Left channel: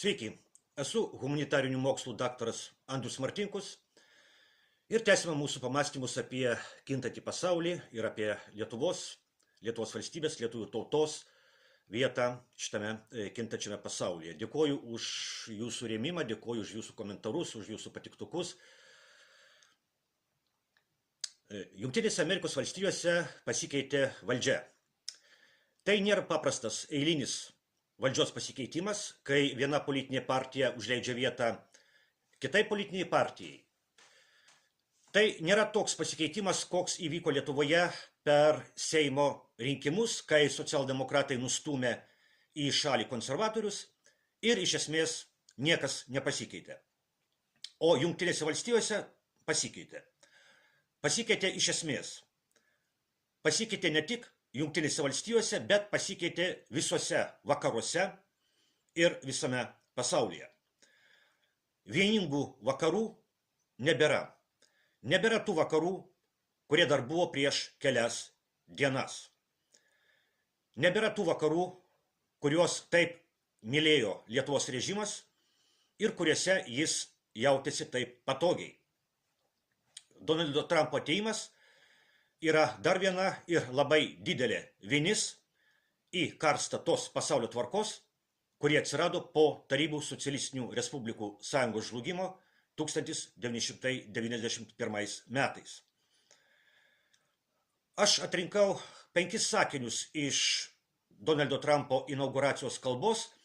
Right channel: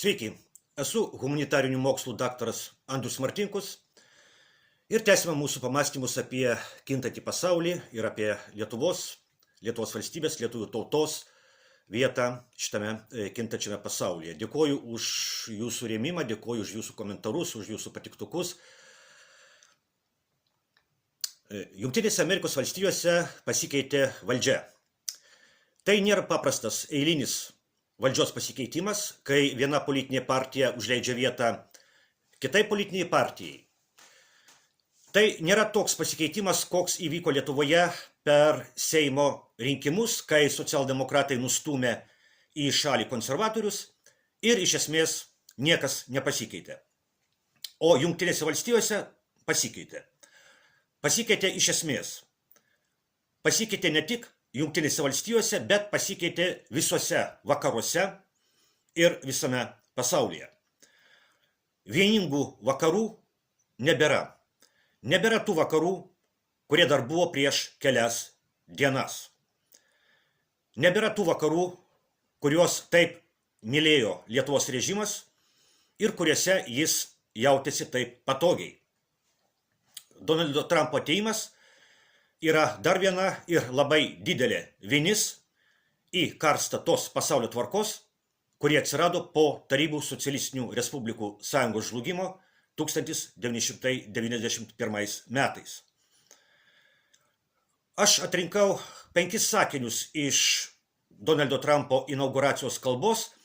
Sveiki, esu humanitarinių mokslų daktaras Andrius Martinkus ir tęsime mūsų pamąstymus apie kintantį pasaulį ir apie Lietuvos valstybės, lietuvių tautos vietą šitame kintančiame pasaulyje. Dėkoju už jūsų rėmimą, dėkoju už jūsų komentarus, už jūsų patiktukus. Jungtinėse Amerikos valstijose pasikeitė valdžia. Tai nėra paprastas eilinis valdžios pasikeitimas, kai viena politinė partija užleidžia vietą kitai politiniai partijai. Tai nėra toks pasikeitimas, koks įvyko Lietuvoje per Seimo rinkimus, kai socialdemokratai nustūmė į šalį konservatorius ir iš esmės niekas nepasikeitė. O Jungtinėse valstijose pasikeitė. Pasikeitė iš esmės. Pasikeitė ne tik Jungtinėse valstijose, bet pasikeitė visuose vakaruose ir visame pasaulyje. Vieningų vakarų nebėra. Nebėra tų vakarų, kurie dar buvo prieš kelias dienas. Nebėra tų vakarų, kuriuos taip mylėjo Lietuvos režimas ir kuriuose jis jautėsi taip patogiai. Donaldo Trumpo atėjimas yra dar viena ir labai didelė vinis į karstą tos pasaulio tvarkos, kurie atsirado po Tarybų socialistinių respublikų sąjungos žlugimo 1991 metais. Aš atrinkau 5 sakinius iš Donaldo Trumpo inauguracijos kalbos,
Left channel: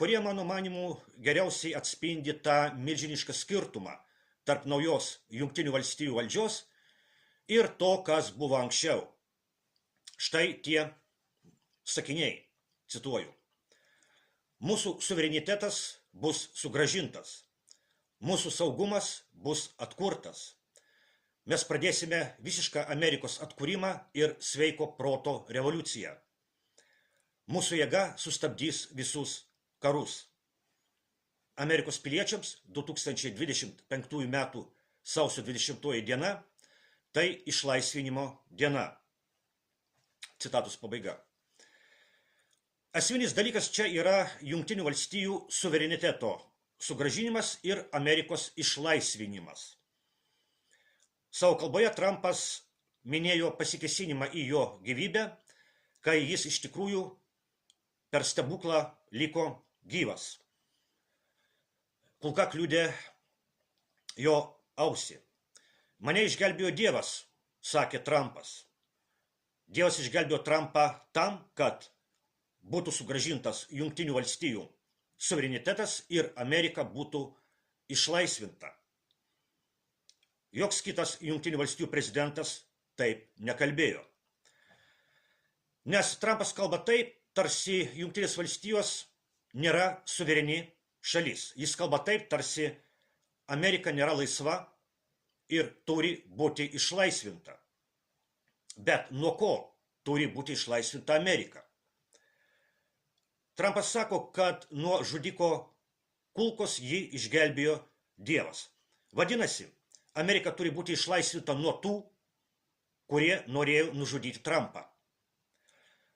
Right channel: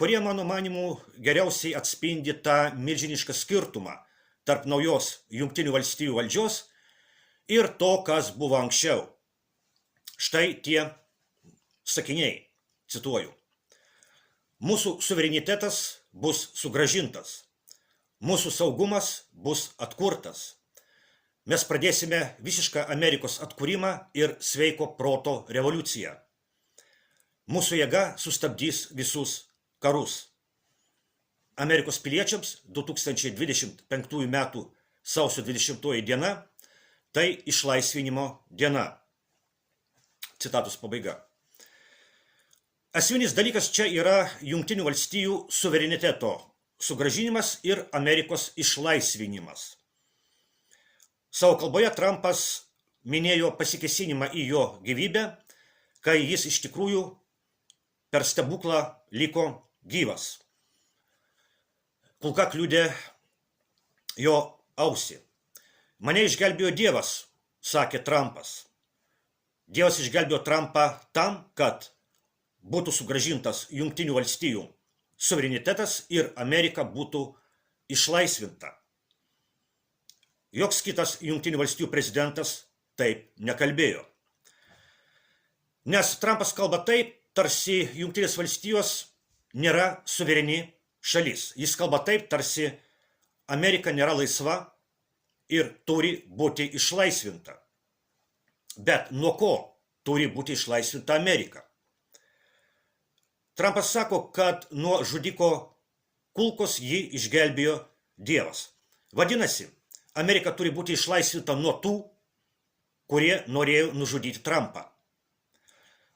kurie, mano manimu, geriausiai atspindi tą milžinišką skirtumą tarp naujos Jungtinių valstijų valdžios ir to, kas buvo anksčiau. Štai tie sakiniai, cituoju. Mūsų suverenitetas bus sugrąžintas. Mūsų saugumas bus atkurtas. Mes pradėsime visišką Amerikos atkūrimą ir sveiko proto revoliuciją. Mūsų jėga sustabdys visus karus. Amerikos piliečiams 2025 metų sausio 20 diena tai išlaisvinimo diena. Citatos pabaiga. Esminis dalykas čia yra Jungtinių valstijų suvereniteto sugrąžinimas ir Amerikos išlaisvinimas. Savo kalboje Trumpas minėjo pasikėsinimą į jo gyvybę, kai jis iš tikrųjų per stebuklą liko gyvas. Kulka kliudė jo ausį. Mane išgelbėjo Dievas, sakė Trumpas. Dievas išgelbėjo Trumpą tam, kad būtų sugrąžintas Jungtinių valstijų suverenitetas ir Amerika būtų išlaisvinta. Joks kitas Jungtinių valstijų prezidentas taip nekalbėjo. Nes Trumpas kalba taip, tarsi Jungtinės valstijos nėra suvereni šalis. Jis kalba taip, tarsi Amerika nėra laisva ir turi būti išlaisvinta. Bet nuo ko turi būti išlaisvinta Amerika? Trumpas sako, kad nuo žudiko kulkos jį išgelbėjo Dievas. Vadinasi, Amerika turi būti išlaisvinta nuo tų, kurie norėjo nužudyti Trumpą.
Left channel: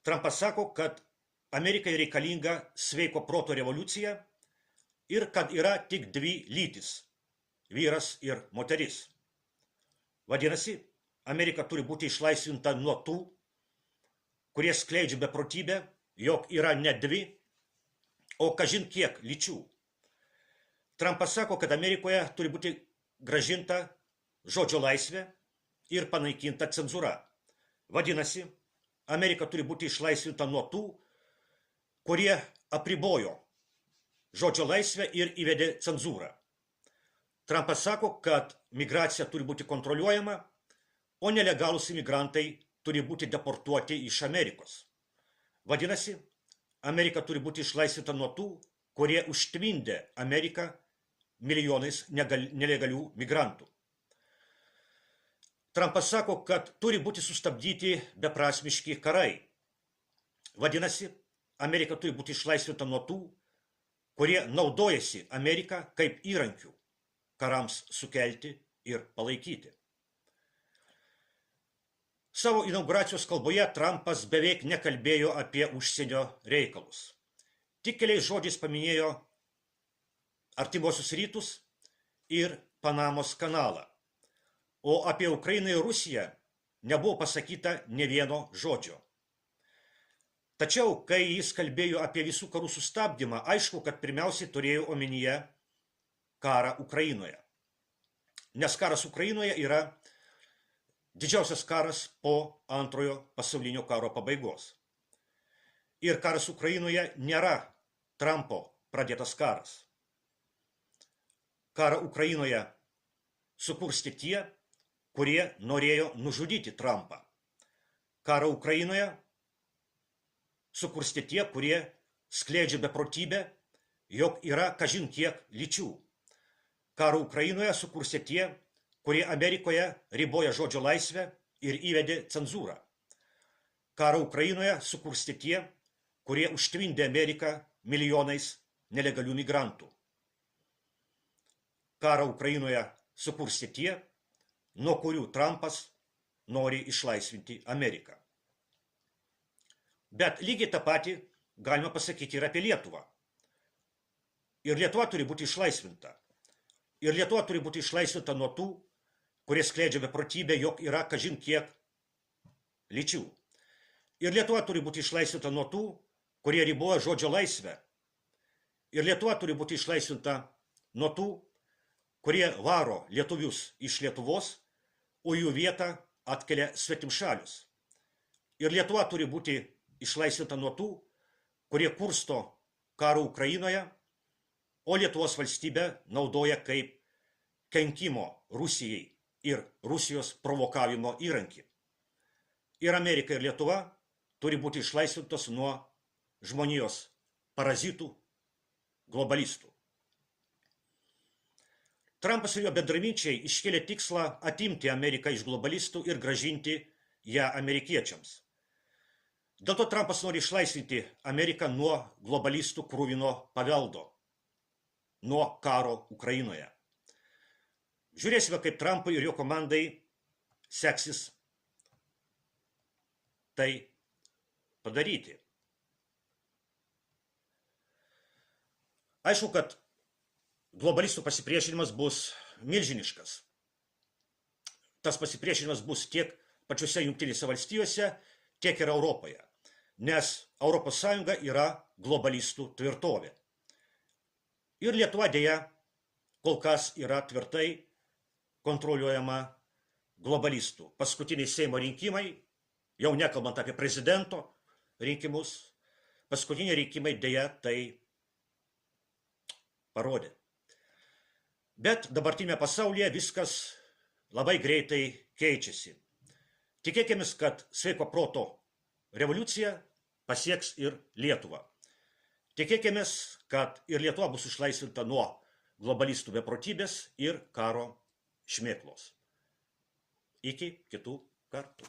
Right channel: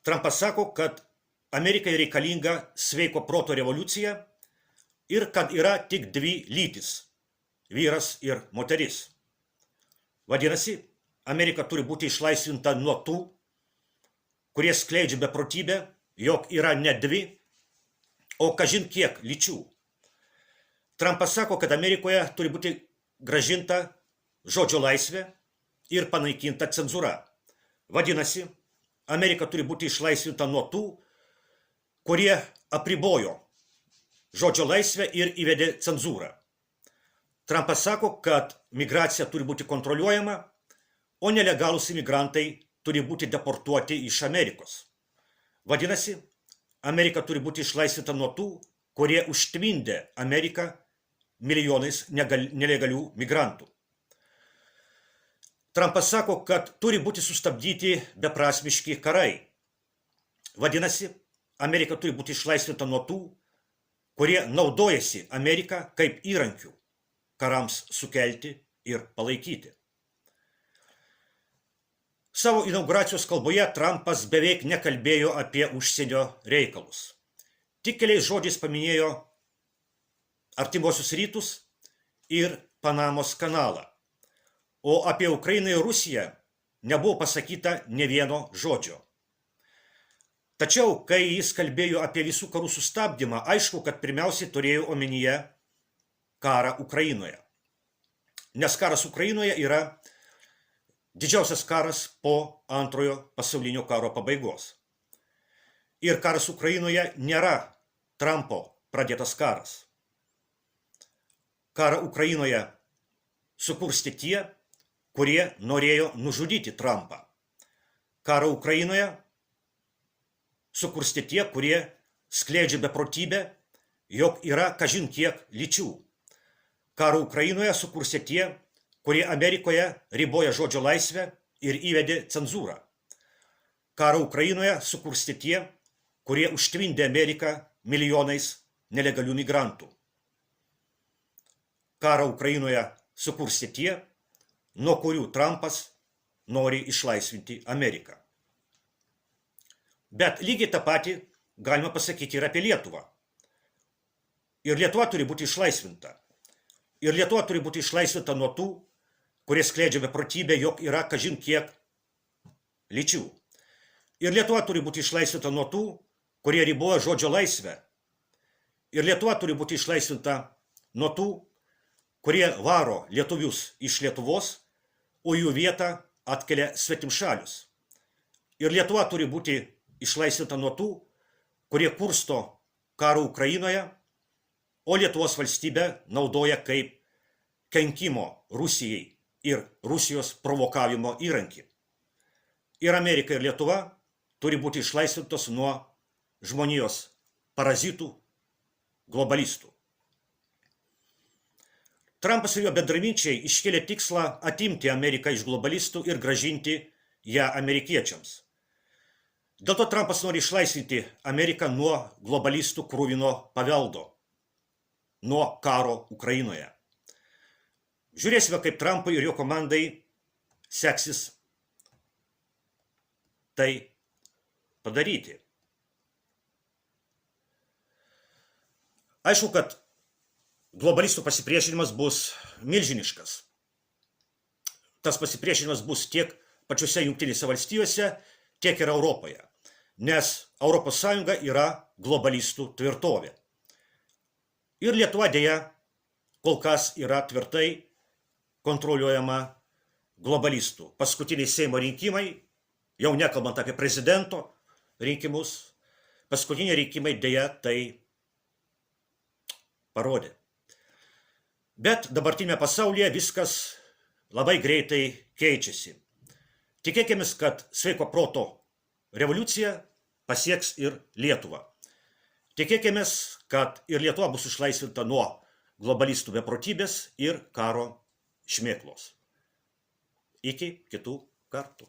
Trumpas sako, kad Amerikai reikalinga sveiko proto revoliucija ir kad yra tik 2 lytis – vyras ir moteris. Vadinasi, Amerika turi būti išlaisvinta nuo tų, kurie skleidžia beprotybę, jog yra ne 2, o kažin kiek lyčių. Trumpas sako, kad Amerikoje turi būti grąžinta žodžio laisvė ir panaikinta cenzūra. Vadinasi, Amerika turi būti išlaisvinta nuo tų, kurie apribojo žodžio laisvę ir įvedė cenzūrą. Trumpas sako, kad migracija turi būti kontroliuojama, o nelegalūs imigrantai turi būti deportuoti iš Amerikos. Vadinasi, Amerika turi būti išlaisvinta nuo tų, kurie užtvindė Ameriką milijonais nelegalių migrantų. Trumpas sako, kad turi būti sustabdyti beprasmiški karai. Vadinasi, Amerika turi būti išlaisvinta nuo tų, kurie naudojasi Ameriką kaip įrankių karams sukelti ir palaikyti. Savo inauguracijos kalboje Trumpas beveik nekalbėjo apie užsienio reikalus. Tik keliais žodžiais paminėjo Artimuosius rytus ir Panamos kanalą. O apie Ukrainą ir Rusiją nebuvo pasakyta ne vieno žodžio. Tačiau, kai jis kalbėjo apie visų karų sustabdymą, aišku, kad pirmiausiai turėjo omenyje karą Ukrainoje. Nes karas Ukrainoje yra didžiausias karas po Antrojo pasaulinio karo pabaigos. Ir karas Ukrainoje nėra Trumpo pradėtas karas. Karą Ukrainoje sukurstė tie, kurie norėjo nužudyti Trumpą. Karą Ukrainoje sukurstė tie, kurie skleidžia beprotybę, jog yra kažin kiek lyčių. Karą Ukrainoje sukurstė tie, kurie Amerikoje riboja žodžio laisvę ir įvedė cenzūrą. Karą Ukrainoje sukurstė tie, kurie užtvindė Ameriką milijonais nelegalių migrantų. Karą Ukrainoje sukurstė tie, nuo kurių Trumpas nori išlaisvinti Ameriką. Bet lygiai tą patį galima pasakyti ir apie Lietuvą. Ir Lietuva turi būti išlaisvinta. Ir Lietuva turi būti išlaisvinta nuo tų, kurie skleidžia beprotybę, jog yra kažin kiek lyčių. Ir Lietuva turi būti išlaisvinta nuo tų, kurie riboja žodžio laisvę. Ir Lietuva turi būti išlaisvinta nuo tų, kurie varo lietuvius iš Lietuvos, o jų vietą atkelia svetimšalius. Ir Lietuva turi būti išlaisvinta nuo tų, kurie kursto karą Ukrainoje, o Lietuvos valstybę naudoja kaip kenkimo Rusijai ir Rusijos provokavimo įrankį. Ir Amerika ir Lietuva turi būti išlaisvintos nuo žmonijos parazitų, globalistų. Trumpas ir jo bendraminčiai iškėlė tikslą atimti Ameriką iš globalistų ir grąžinti ją amerikiečiams. Dėl to Trumpas nori išlaisvinti Ameriką nuo globalistų kruvino paveldo, nuo karo Ukrainoje. Žiūrėsime, kaip Trumpui ir jo komandai seksis tai padaryti. Aišku, kad globalistų pasipriešinimas bus milžiniškas. Tas pasipriešinimas bus tiek pačiose Jungtinėse valstijose, tiek ir Europoje, nes Europos Sąjunga yra globalistų tvirtovė. Ir Lietuva dėja kol kas yra tvirtai kontroliuojama globalistų. Paskutiniai Seimo rinkimai, jau nekalbant apie prezidento rinkimus, paskutiniai rinkimai dėja tai parodė. Bet dabartinėme pasaulyje viskas labai greitai keičiasi. Tikėkime, kad sveiko proto revoliucija pasieks ir Lietuvą. Tikėkime, kad ir Lietuva bus išlaisvinta nuo globalistų beprotybės ir karo šmėklos. Iki kitų kartų.